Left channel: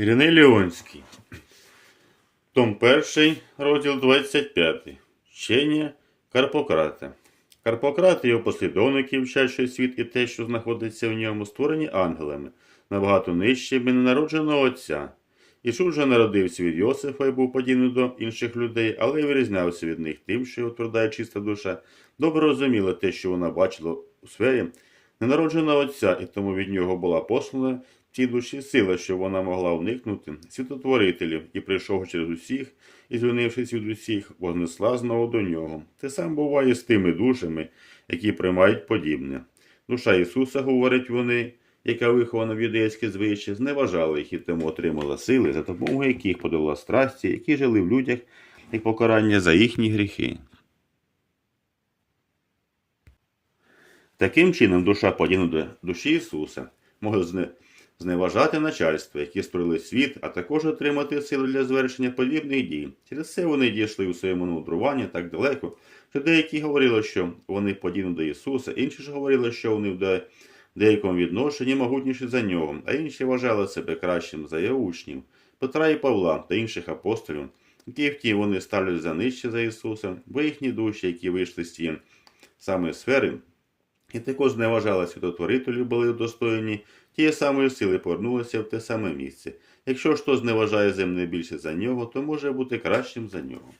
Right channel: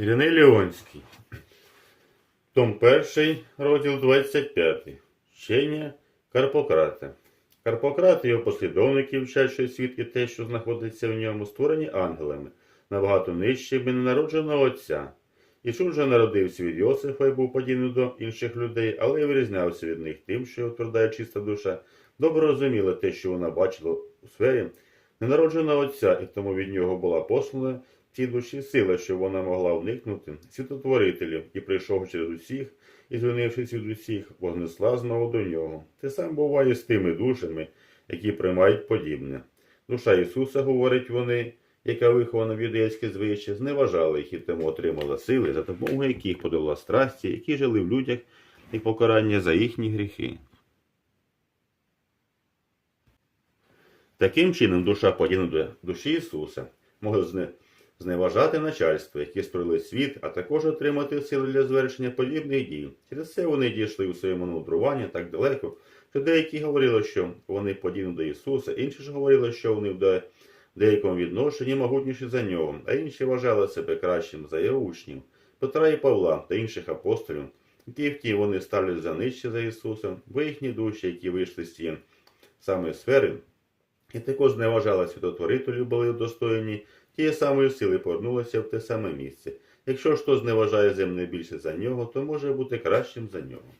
Іриней Леонський. Том 1, розділ 25. Вчення Карпократа. Карпократ і його послідовники вчать, світ і те, що знаходиться в ньому, створені ангелами, набагато нижчими ненародженого отця. Ісус же народився від Йосифа і був подібний до інших людей, але й вирізнявся від них тим, що його тверда і чиста душа добре розуміла те, що вона бачила у сфері ненародженого отця, і тому від нього була послана цій душі сила, що вона могла уникнути світотворителів і, прийшов через усіх, і звільнившись від усіх, вознесла знову до нього. Те саме буває з тими душами, які приймають подібне. Душа Ісуса, говорять вони, яка вихована в юдейське звичаї, зневажала їх і тому отримала сили, за допомогою яких подала страсті, які жили в людях як покарання за їхні гріхи. Таким чином, душа подібна до душі Ісуса може зне- зневажати начальство, які створили світ, а також отримати сили для звершення подібних дій. Через це вони дійшли у своєму мудруванні так далеко, що деякі говорили, що вони подібні до Ісуса, інші ж говорили, що вони в де- деякому відношенні могутніші за нього, а інші вважали себе кращим за його учнів, Петра і Павла та інших апостолів, які втім вони ставлять за нижче за Ісуса, бо їхні душі, які вийшли з цієї саме сфери, і також зневажала святотворителів були удостоєні тієї самої сили повернулися в те саме місце. Якщо ж хто зневажає земне більше за нього, то може бути кращим за нього.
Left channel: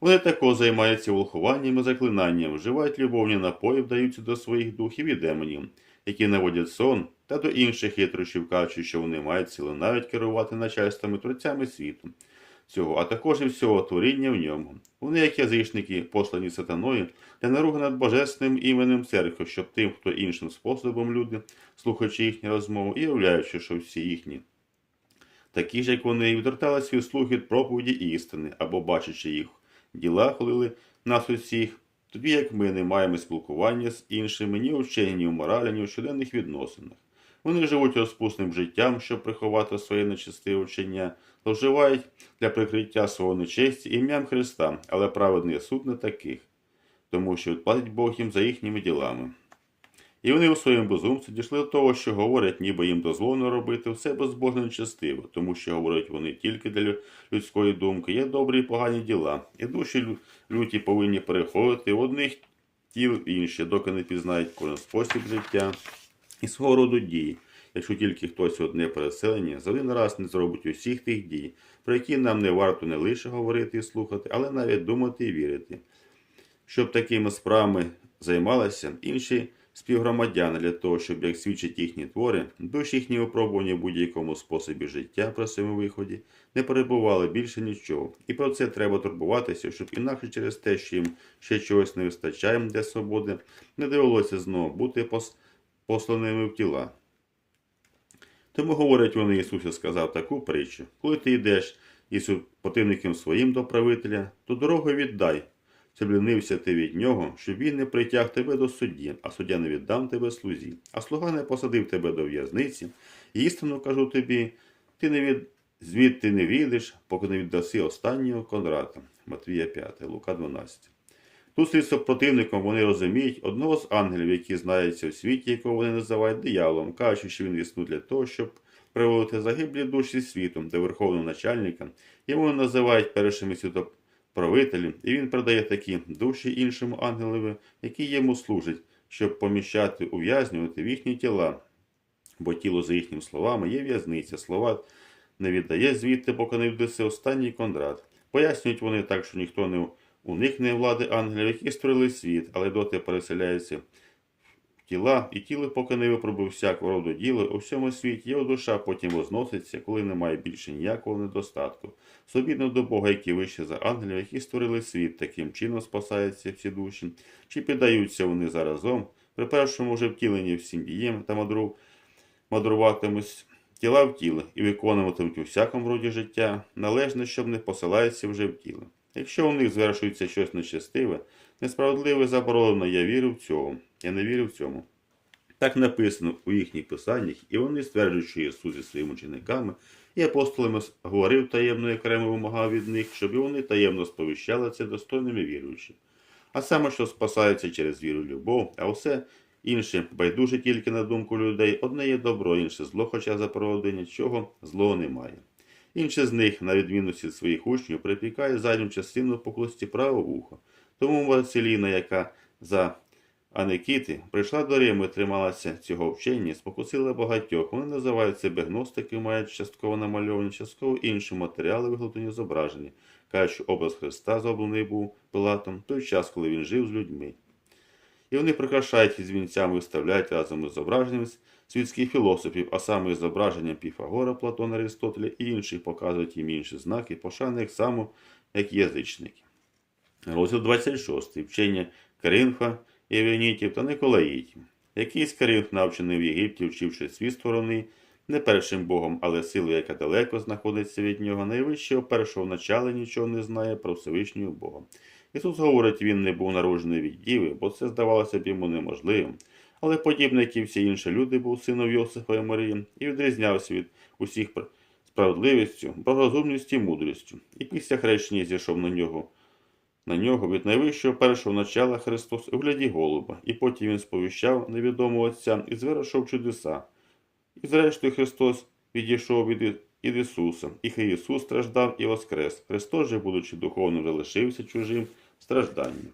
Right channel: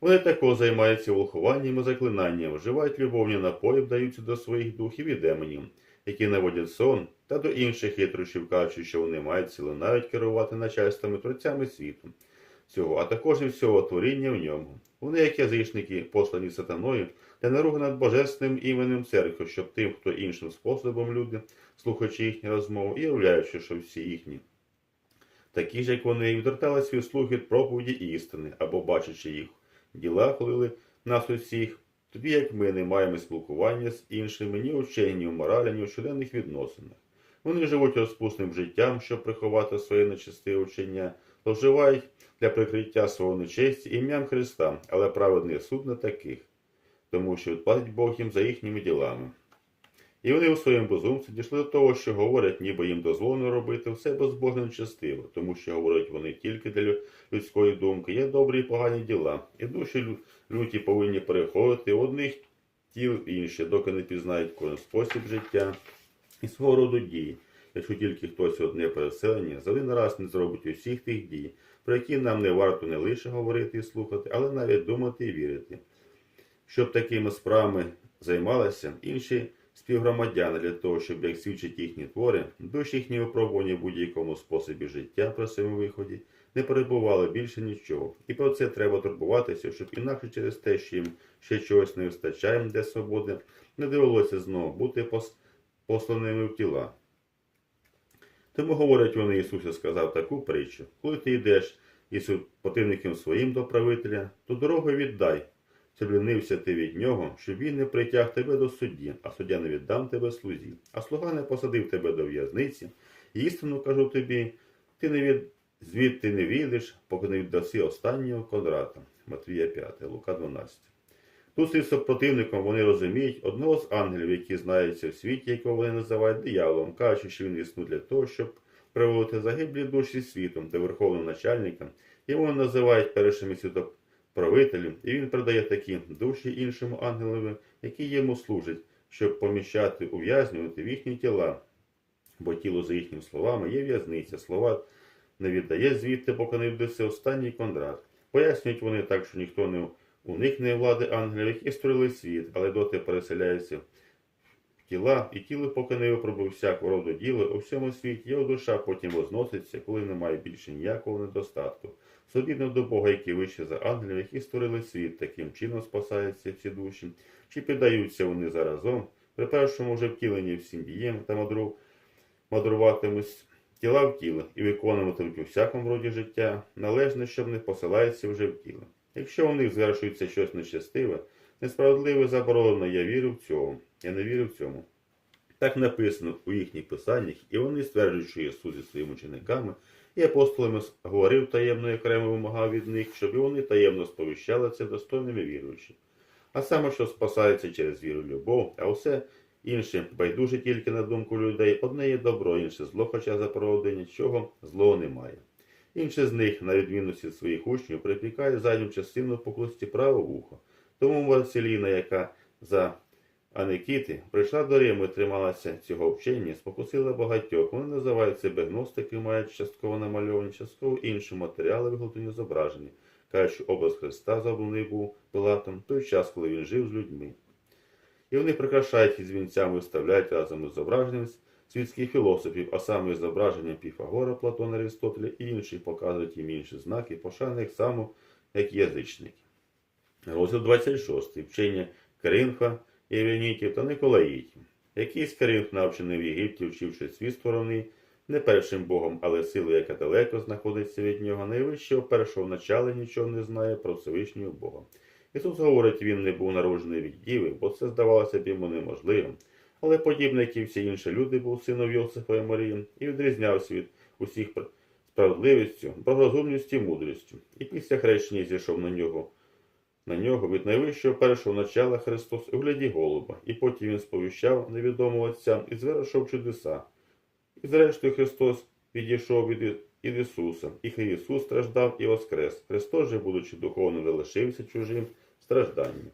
Вони також займаються волхуванням і заклинанням, вживають любовні напої, вдаються до своїх духів і демонів, які наводять сон, та до інших хитрощів кажучи, що вони мають силу навіть керувати начальствами творцями світу цього, а також і всього творіння в ньому. Вони, як язичники, послані сатаною, для наруги над божественним іменем церкви, щоб тим, хто іншим способом люди, слухаючи їхню розмову і уявляючи, що всі їхні, такі ж, як вони, відвертали свій слух від проповіді істини, або бачачи їх діла, хвалили нас усіх, тоді як ми не маємо спілкування з іншими ні у вченні, ні в моралі, ні у щоденних відносинах. Вони живуть розпусним життям, щоб приховати своє нечистиве вчення, зловживають для прикриття свого нечесті ім'ям Христа, але праведний суд не таких, тому що відплатить Бог їм за їхніми ділами. І вони у своєму безумстві дійшли до того, що говорять, ніби їм дозволено робити все безбожно нечестиво, тому що говорять вони тільки для людської думки, є добрі і погані діла, і душі люті повинні переходити одних тіл інші, доки не пізнають кожен спосіб життя і свого роду дії, якщо тільки хтось одне переселення за один раз не зробить усіх тих дій, про які нам не варто не лише говорити і слухати, але навіть думати і вірити. Щоб такими справами займалися інші співгромадяни для того, щоб, як свідчать їхні твори, душі їхні випробування в будь-якому способі життя при своєму виході не перебували більше нічого. І про це треба турбуватися, щоб інакше через те, що їм ще чогось не вистачає для свободи, не довелося знову бути посланими в тіла. Тому, говорять вони, Ісус сказав таку притчу, коли ти йдеш із противником своїм до правителя, то дорогу віддай, щоб лінився ти від нього, щоб він не притяг тебе до судді, а суддя не віддам тебе слузі, а слуга не посадив тебе до в'язниці. І істину кажу тобі, ти не від... звідти не війдеш, поки не віддаси останнього Конрата. Матвія 5, Лука 12. Слід з противником вони розуміють одного з ангелів, які знаються у світі, якого вони називають дияволом, кажучи, що він існує для того, щоб приводити загиблі душі світом та верховним начальникам. Йому називають першими світоправителем, і він передає такі душі іншому ангелові, які йому служать, щоб поміщати, ув'язнювати в їхні тіла. Бо тіло, за їхніми словами, є в'язниця. Слова не віддає звідти, поки не вдаси останній кондрат. Пояснюють вони так, що ніхто не уникне влади ангелів, які створили світ, але доти переселяються в тіла, і тіло, поки не випробив всякого роду діло у всьому світі, його душа потім возноситься, коли немає більше ніякого недостатку. Собідно до Бога, який вище за ангелів, які створили світ, таким чином спасаються всі душі, чи піддаються вони заразом, при першому вже втіленні всім дієм та мадру, мадруватимуть тіла в тіло і виконуватимуть у всякому роді життя, належне, щоб не посилається вже в тіло. Якщо у них звершується щось нечестиве, несправедливе заборонено, я вірю в цьому, я не вірю в цьому. Так написано у їхніх писаннях, і вони стверджують, що Ісус зі своїми учениками і апостолами говорив таємно і окремо вимагав від них, щоб і вони таємно сповіщали це достойними віруючи. А саме, що спасається через віру в любов, а все інші байдуже тільки на думку людей, одне є добро, інше зло, хоча за проводи нічого злого немає. Інші з них, на відмінності від своїх учнів, припікають задню частину по хлості праве вухо. Тому Василіна, яка за Аникіти прийшла до Риму і трималася цього вчення, спокусила багатьох. Вони називають себе гностики, мають частково намальовані, частково інші матеріали, виготовлені зображені. Кажуть, що образ Христа зроблений був Пилатом той час, коли він жив з людьми. І вони прикрашають із вінцями і вставляють разом із зображенням світських філософів, а саме із зображенням Піфагора, Платона, Аристотеля і інших показують їм інші знаки, пошани як само, як язичники. Розділ 26. Вчення Коринфа, Євенітів та Николаїтів. Якийсь Коринф, навчений в Єгипті, вчивши свій сторони, не першим Богом, але силою, яка далеко знаходиться від нього, найвищого першого начала нічого не знає про Всевишнього Бога. Ісус говорить, він не був народжений від діви, бо це здавалося б йому неможливим. Але подібно, як і всі інші люди, був сином Йосифа і Марії, і відрізнявся від усіх справедливістю, благорозумністю і мудрістю. І після хрещення зійшов на нього на нього від найвищого першого начала Христос у гляді голуба, і потім він сповіщав невідомого Отця і звершив чудеса. І зрештою Христос відійшов від, Ісуса, і хай Ісус страждав і воскрес. Христос же, будучи духовним, залишився чужим стражданням.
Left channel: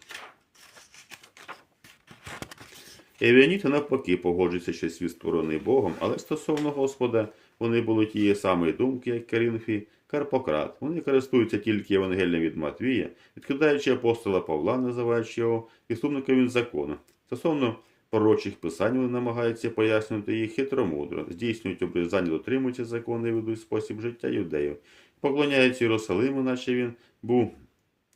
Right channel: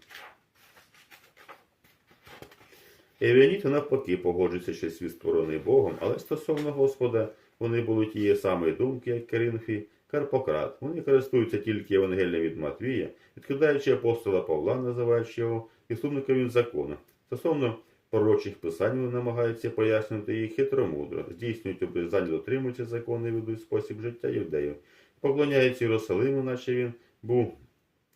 Евіаніти навпаки погоджуються, що світ створений Богом, але стосовно Господа вони були тієї самої думки, як Карінфі, Карпократ. Вони користуються тільки Євангелієм від Матвія, відкидаючи апостола Павла, називаючи його підсумником від закону. Стосовно пророчих писань вони намагаються пояснювати їх хитромудро, здійснюють обрізання, дотримуються закону і ведуть спосіб життя юдеїв, поклоняються Єрусалиму, наче він був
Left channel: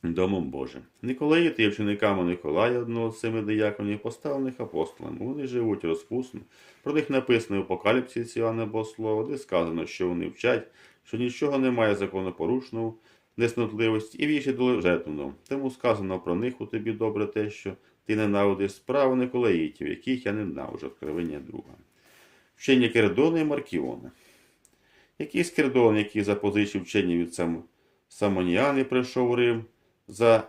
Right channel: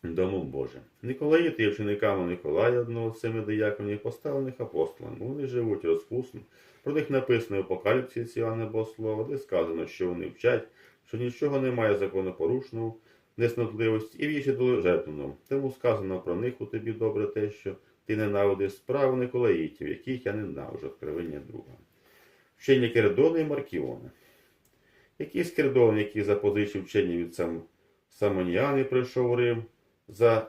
Домом Божим. Николаїти є вчениками Николая, одного з семи дияконів, поставлених апостолами. Вони живуть розпусно. Про них написано в Апокаліпсі Іоанна Богослова, де сказано, що вони вчать, що нічого немає законопорушного, неснотливості і вічі до жертвеного. Тому сказано про них у тобі добре те, що ти ненавидиш справи Николаїтів, яких я ненавиджу, откровення друга. Вчення Кердона і Маркіона. Якийсь Кердон, який запозичив вчення від сам... Самоніани, прийшов у Рим, за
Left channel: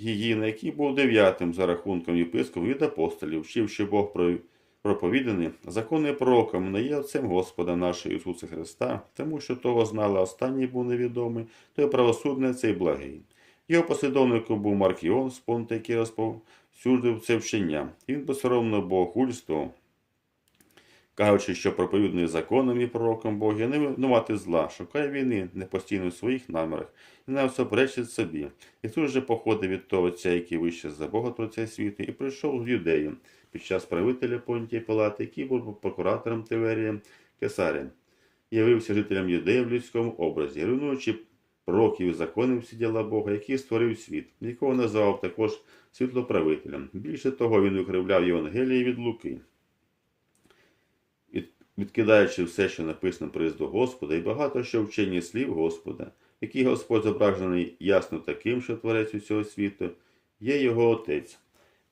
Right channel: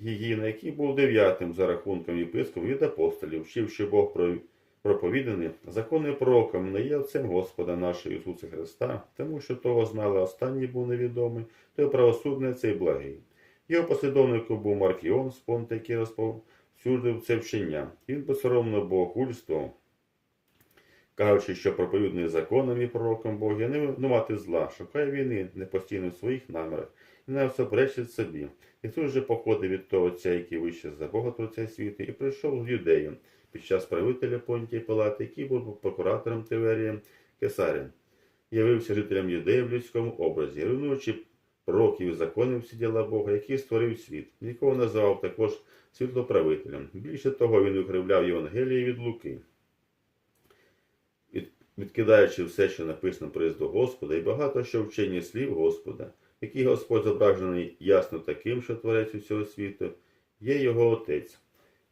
Гігіна, який був дев'ятим за рахунком єпископів від апостолів, вчив, що Бог про- проповіданий, законний пророком не є отцем Господа нашого Ісуса Христа, тому що того знали останній був невідомий, той правосудний цей благий. Його послідовником був Маркіон з Понта, який розповсюдив це вчення. Він посоромно богохульствував, кажучи, що проповідний законом і пророком Бога не винувати зла, шукає війни не постійно в своїх намірах і не всуперечить собі. Ісус же походив від того отця, який вище за Бога Творця світу, і прийшов в юдею під час правителя Понтія Палати, який був прокуратором Тиверієм Кесарем. Явився жителям юдеї в людському образі, руйнуючи пророків і законів всі діла Бога, який створив світ, якого називав також світлоправителем. Більше того, він викривляв Євангелії від Луки відкидаючи все, що написано про до Господа, і багато що вчені слів Господа, який Господь зображений ясно таким, що творець усього світу, є його отець.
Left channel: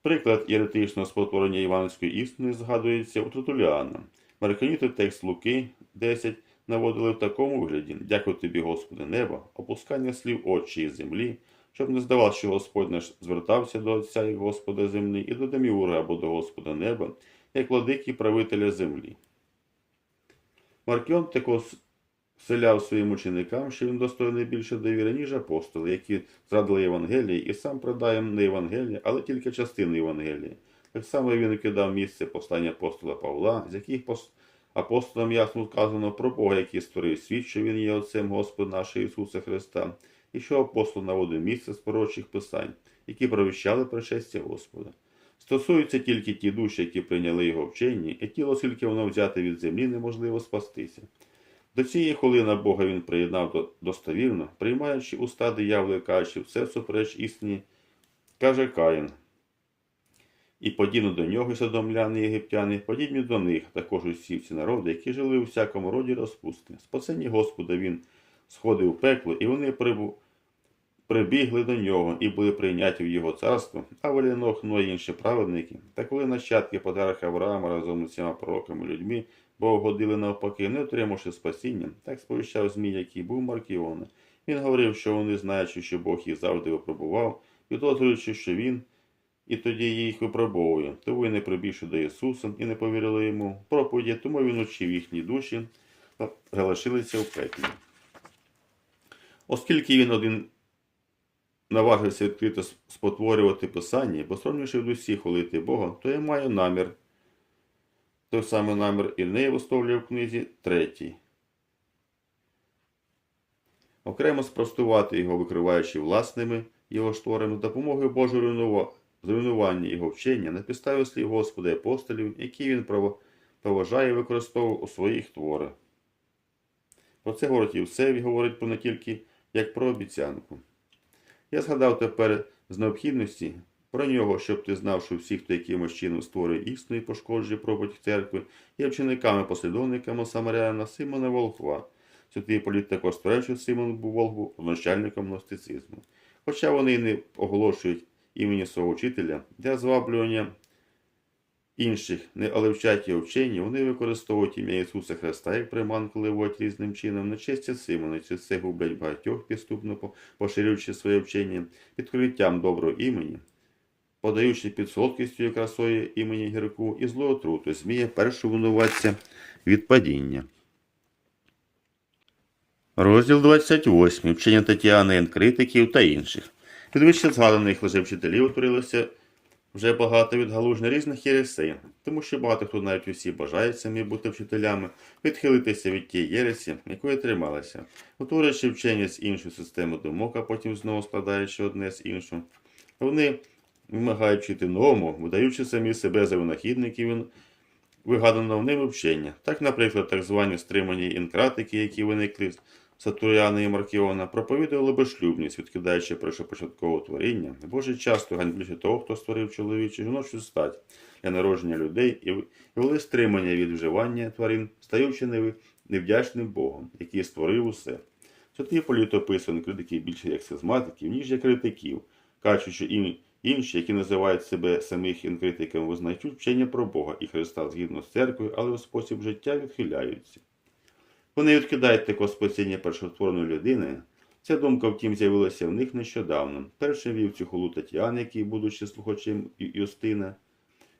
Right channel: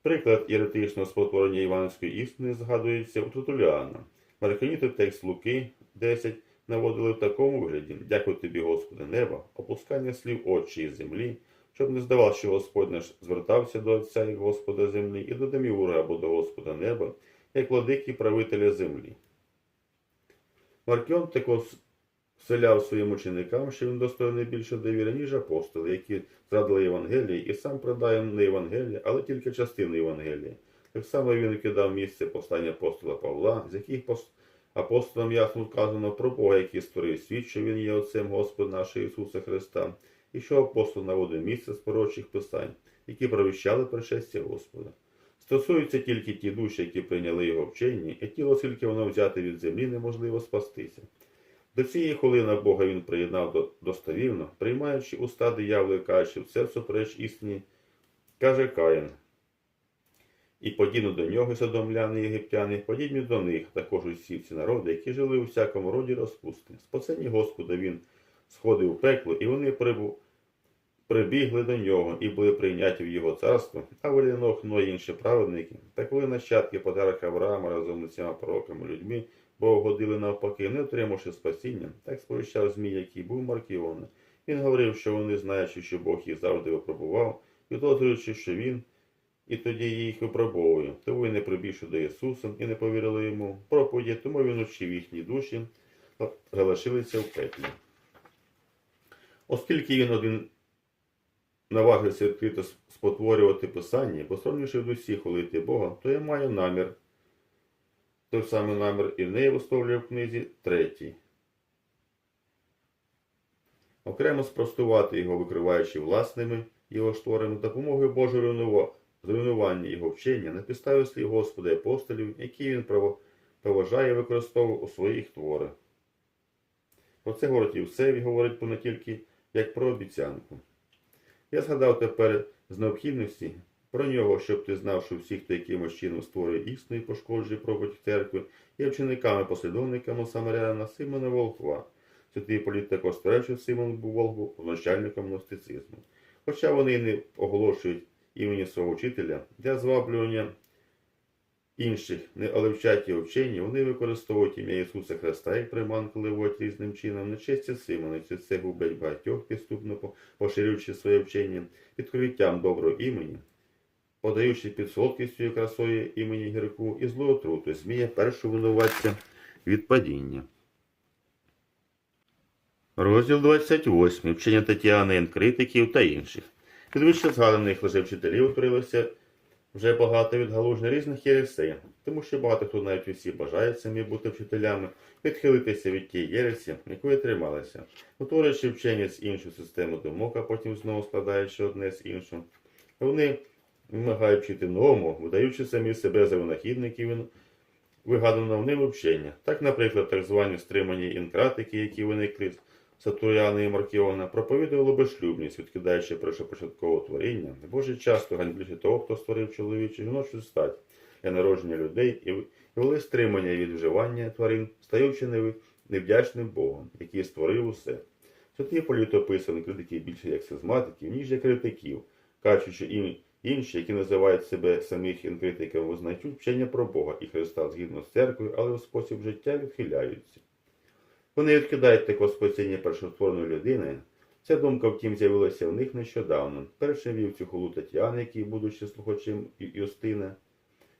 Приклад єретичного спотворення Іванської істини згадується у Тротуліана. Марканіти текст Луки 10 наводили в такому вигляді: Дякую тобі, Господи, неба, опускання слів очі і землі, щоб не здавалося, що Господь наш звертався до Отця як Господа землі, і до Деміура або до Господа неба, як владики правителя землі. Маркіон також вселяв своїм ученикам, що він достойний більше довіри, ніж апостоли, які зрадили Євангелії, і сам продає не Євангелії, але тільки частину Євангелії. Так само він кидав місце послання апостола Павла, з яких апостолам ясно вказано про Бога, який створив світ, що він є Отцем Господа нашого Ісуса Христа, і що апостол наводив місце з пророчих писань, які провіщали пришестя Господа. Стосуються тільки ті душі, які прийняли його вчення, і тіло, оскільки воно взяте від землі, неможливо спастися. До цієї хвилини Бога він приєднав достовірно, приймаючи уста дияволи, кажучи, все супереч істині, каже Каїн. І подібно до нього содомляни єгиптяни, подібні до них також усі ці народи, які жили у всякому роді розпусти. Спасені Господа він сходив у пекло, і вони прибу... прибігли до нього і були прийняті в його царство, а Валінох, ну і інші праведники, та коли нащадки подарок Авраама разом з усіма пророками людьми, бо угодили навпаки, не отримавши спасіння, так сповіщав Змій, який був Маркіона. Він говорив, що вони, знаючи, що Бог їх завжди випробував, підозрюючи, що він і тоді їх випробовую. То ви не прибільшили до Ісуса і не повірили йому проповіді, тому він учив їхні душі, залишилися в пеклі. Оскільки він один наважився відкрито спотворювати Писання, посоромивши в усіх хвалити Бога, то я маю намір. Той самий намір і неї висловлює в книзі третій. Окремо спростувати його, викриваючи власними його шторами, допомогою Божого зруйнування його вчення на підставі слів Господа і апостолів, які він поважає і використовував у своїх творах. Про це говорить Євсевій, говорить не тільки як про обіцянку. Я згадав тепер з необхідності про нього, щоб ти знав, що всі, хто якимось чином створює істину і пошкоджує проповідь церкви, є вчениками, послідовниками Самаряна Симона Волхва. Святий політ також створив, що Симон був Волхву начальником гностицизму. Хоча вони не оголошують імені свого вчителя для зваблювання інших, не але вчать його вчені, вони використовують ім'я Ісуса Христа як приманку ливуть різним чином на честь Симона, чи це гублять багатьох підступно поширюючи своє вчення, відкриттям доброго імені, подаючи під солодкістю і красою імені гірку і злу отруту, зміє першого винуватця від падіння. Розділ 28. Вчення Тетяни, критиків та інших. Під вище згаданих лжевчителів утворилося вже багато відгалужень різних єресей, тому що багато хто навіть усі бажають самі бути вчителями, відхилитися від тієї єресі, якої трималися, утворюючи вчення з іншої системи думок, а потім знову складаючи одне з іншого. Вони вимагають вчити новому, видаючи самі себе за винахідників вигаданого ними вчення. Так, наприклад, так звані стримані інкратики, які виникли Сатуряна і Маркіона, проповідували безшлюбність, відкидаючи першопочаткове творіння, боже часто ганьблюючи того, хто створив чоловічу жіночу стать для народження людей і вели стримання від вживання тварин, стаючи невдячним Богом, який створив усе. Святий політ описаний критиків більше як сизматиків, ніж як критиків, кажучи їм інші, які називають себе самих інкритиками, визнають вчення про Бога і Христа згідно з церквою, але у спосіб життя відхиляються. Вони відкидають таке спасіння першотворної людини. Ця думка, втім, з'явилася в них нещодавно. Першим вів цю холу Тетяни, який, будучи слухачем Юстина,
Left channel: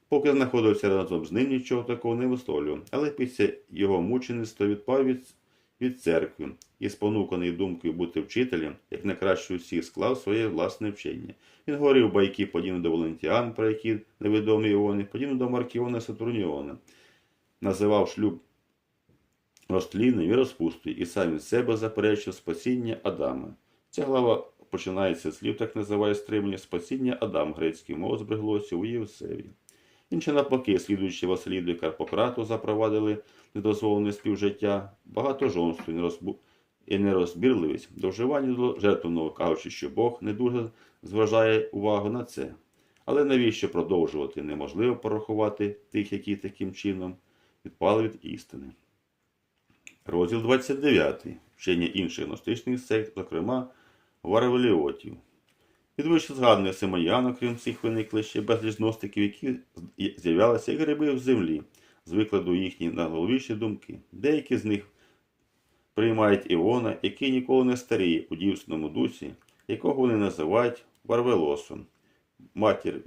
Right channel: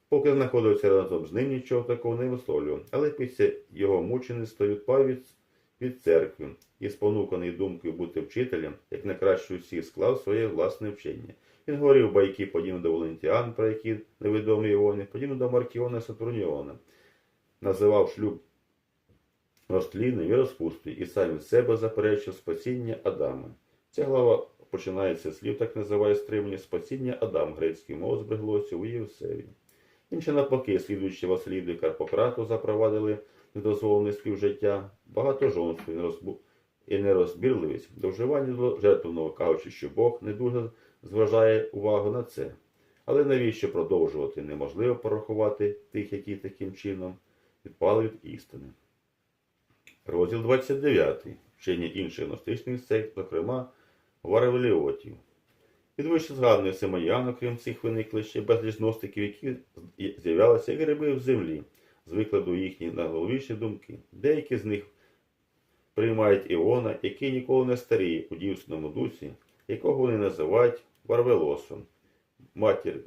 поки знаходився разом з ним, нічого такого не висловлював, але після його мучеництва відпав від, від церкви і, спонуканий думкою бути вчителем, як найкраще усіх склав своє власне вчення. Він говорив байки, подібно до Валентіан, про які невідомі Іони, подібно до Маркіона Сатурніона, називав шлюб розтлінним і розпустою, і сам від себе заперечив спасіння Адама. Ця глава починається з слів, так називає стримання спасіння Адам, грецький мов збереглося у Євсеві. Інші навпаки, слідуючи Василіду і Карпократу, запровадили недозволене співжиття, багатожонство і нерозбу- і нерозбірливість до вживання до жертвного, кажучи, що Бог не дуже зважає увагу на це. Але навіщо продовжувати? Неможливо порахувати тих, які таким чином відпали від істини. Розділ 29. Вчення інших гностичних сект, зокрема варавеліотів. Від вище згаданих Симоян, окрім всіх виникли ще безліч гностиків, які з'являлися як гриби в землі, з викладу їхні найголовніші думки. Деякі з них приймають Іона, який ніколи не старіє у дівственному дусі, якого вони називають Варвелосом. Матір,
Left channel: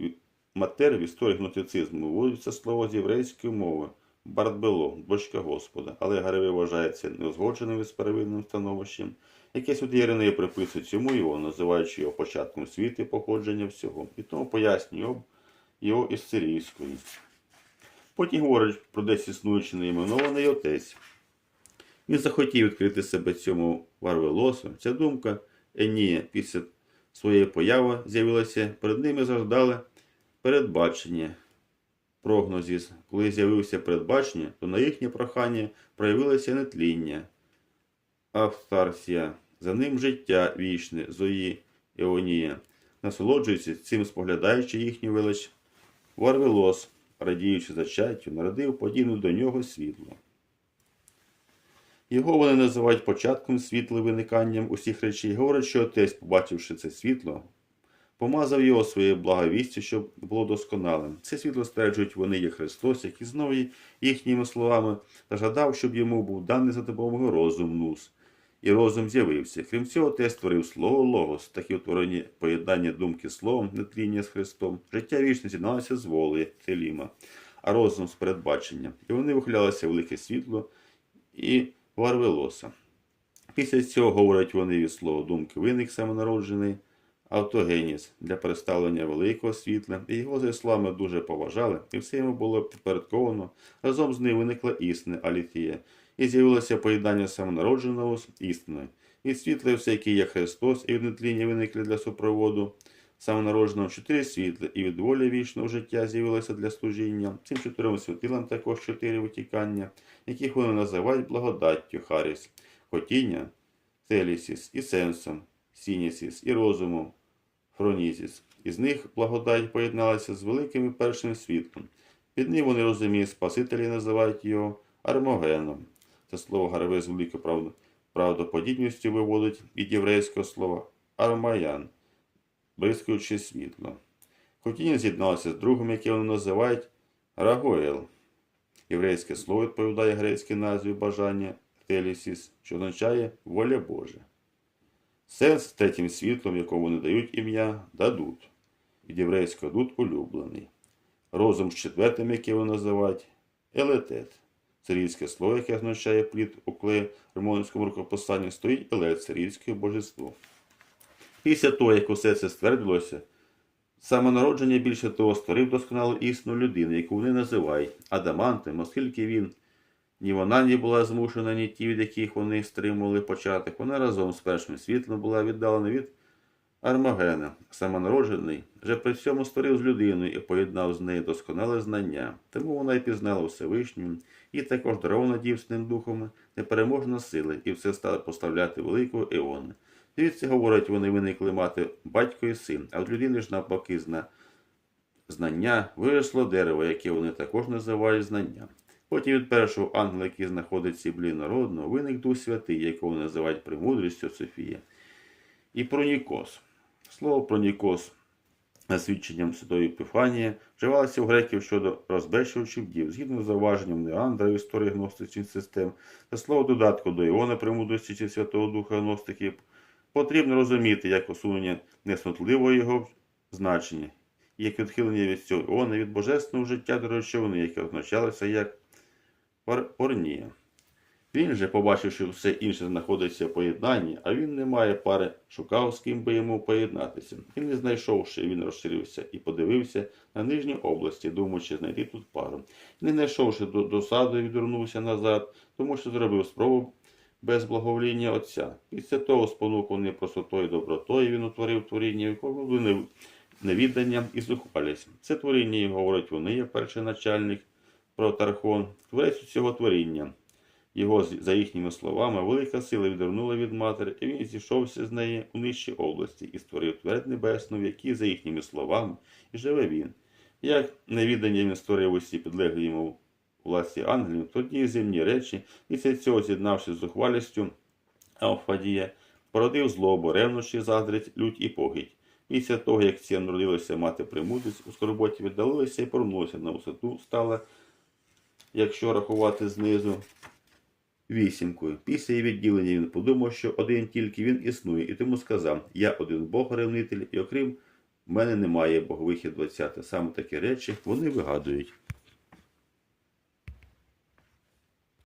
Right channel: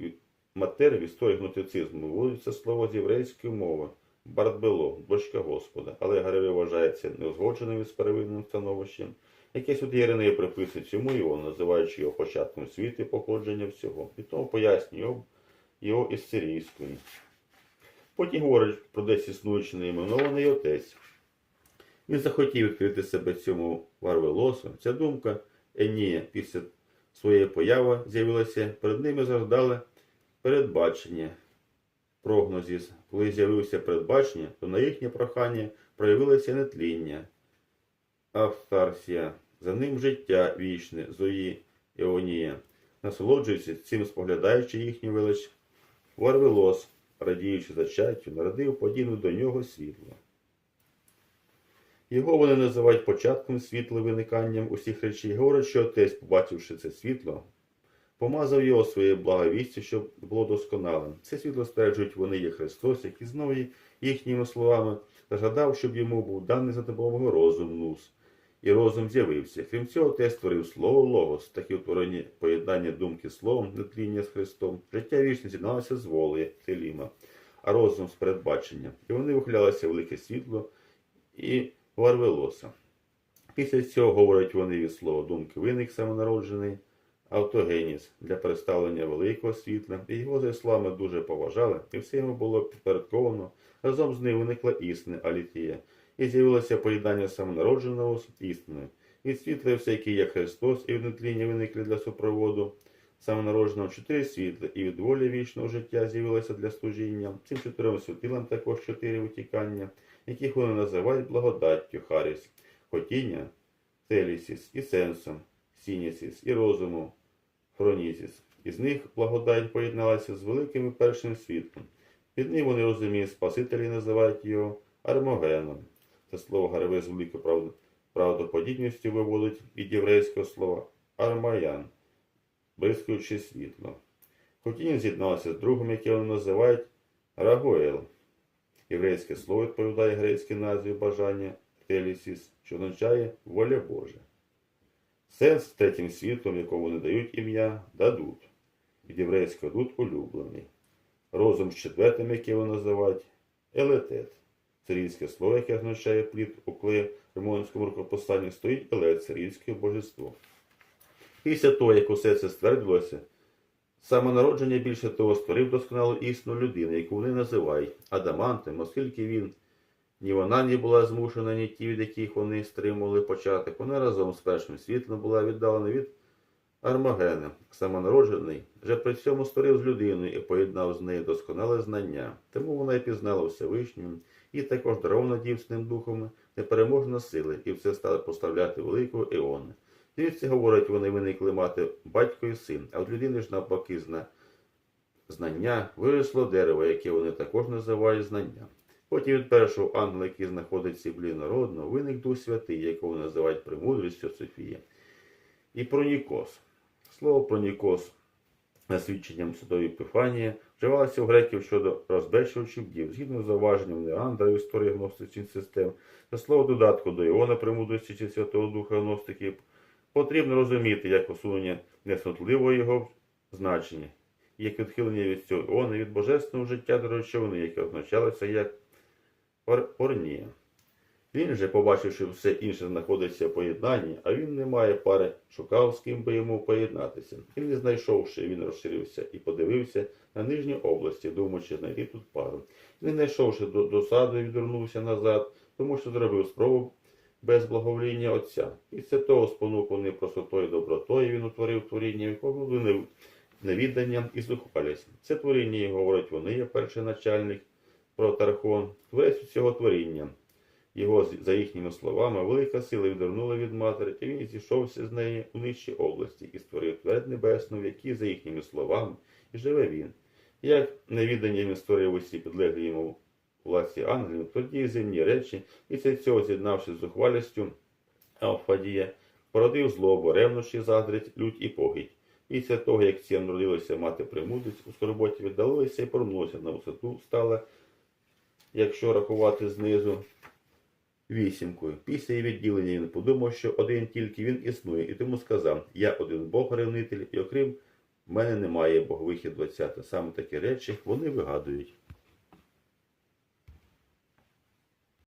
матер в історії гностицизму виводиться слово з єврейської мови Бартбело, дочка Господа, але Гареве вважається неузгодженим з первинним становищем, яке сюди Єринеї приписує цьому його, називаючи його початком світу і походження всього, і тому пояснює його, із сирійської. Потім говорить про десь існуючий неіменований отець. Він захотів відкрити себе цьому Варвелосу. Ця думка Енія після своєї появи з'явилася перед ними завждали передбачення прогнозіс. Коли з'явився передбачення, то на їхнє прохання проявилося нетління, автарсія, за ним життя вічне, Зої Іонія, насолоджуючи цим, споглядаючи їхню велич, Варвелос, радіючи зачаттю, народив подібне до нього світло. Його вони називають початком світла виниканням усіх речей. Говорять, що отець, побачивши це світло, помазав його своєю благовістю, щоб було досконалим. Це світло стверджують вони є Христос, який знову їхніми словами зажадав, щоб йому був даний за допомогою розум нус, і розум з'явився. Крім цього, те створив слово Логос, такі утворені поєднання думки словом, нетління з Христом. Життя вічне з'єдналося з волею Теліма, а розум з передбачення. І вони вихилялися в велике світло і Варвелоса. Після цього, говорять вони від слова думки, виник самонароджений автогеніс для представлення великого світла, і його за словами дуже поважали, і все йому було підпорядковано. Разом з ним виникла істина Алітія, і з'явилося поєднання самонародженого з істиною. Від світла всякий є Христос, і від виникли для супроводу самонародженого чотири світла, і від волі вічного життя з'явилося для служіння. Цим чотирьом світилам також чотири витікання, яких вони називають благодаттю Харіс, хотіння, Телісіс і сенсом, Сінісіс і розумом, Фронізіс. Із них благодать поєдналася з великим першим світлом. Під ним вони розуміють Спасителі називають його Армогеном. Це слово Гареве з великою правд- правдоподібністю виводить від єврейського слова Армаян, бризкаючи світло. Хотіння з'єдналося з другом, яке вони називають Рагоел. Єврейське слово відповідає грецькій назві бажання Телісіс, що означає воля Божа. Сенс третім світлом, якому вони дають ім'я, дадут. Від єврейського дуд улюблений. Розум з четвертим, яке вони називають елетет. Сирійське слово, яке означає плід у клеємонському рукописанні, стоїть елет, сирійське божество. Після того, як усе це ствердилося, самонародження більше того створив досконалу істину людини, яку вони називають адамантом, оскільки він ні вона не була змушена, ні ті, від яких вони стримували початок. Вона разом з першим світлом була віддалена від Армагена, самонароджений, вже при цьому створив з людиною і поєднав з нею досконале знання. Тому вона й пізнала Всевишнього, і також дарована дівсним духом непереможна сила, і все стало поставляти великого Еона. Звідси, говорять, вони виникли мати батько і син, а от людини ж навпаки зна... знання виросло дерево, яке вони також називають знання. Потім від першого ангела, який знаходиться в блі народного, виник Дух Святий, якого називають премудрістю Софія. І пронікос. Слово пронікос за свідченням Святої Епіфанії вживалося у греків щодо розбещувачів дів, згідно з зауваженням Неандра в історії гностичних систем, та слово додатку до Іона премудрості чи Святого Духа гностиків, потрібно розуміти як усунення несмутливого його значення, як відхилення від цього Іона від божественного життя до речовини, яке означалося як порнія. Він же, побачивши все інше знаходиться в поєднанні, а він не має пари, шукав, з ким би йому поєднатися. І не знайшовши, він розширився і подивився на нижні області, думаючи знайти тут пару. Не знайшовши до досади, відвернувся назад, тому що зробив спробу без благовоління Отця. Після того, спонуканий простотою добротою, він утворив творіння, якому були невідданням і зухвалість. Це творіння, і говорять вони, є перший начальник про Тархон, творець цього творіння. Його, за їхніми словами, велика сила відвернула від матері, і він зійшовся з неї у нижчі області і створив твердь небесну, в якій, за їхніми словами, і живе він. Як невідання він створив усі підлеглі йому власті ангелів, тоді земні речі, після цього, з'єднавшись з зухвалістю Алфадія, породив злобу, ревнощі, заздрість, лють і погідь. Після того, як ці народилися мати премудрість, у скорботі віддалилися і повернулися на висоту, стала, якщо рахувати знизу, вісімкою. Після її відділення він подумав, що один тільки він існує, і тому сказав: Я один Бог ревнитель, і окрім мене немає Бог вихід 20. Саме такі речі вони вигадують.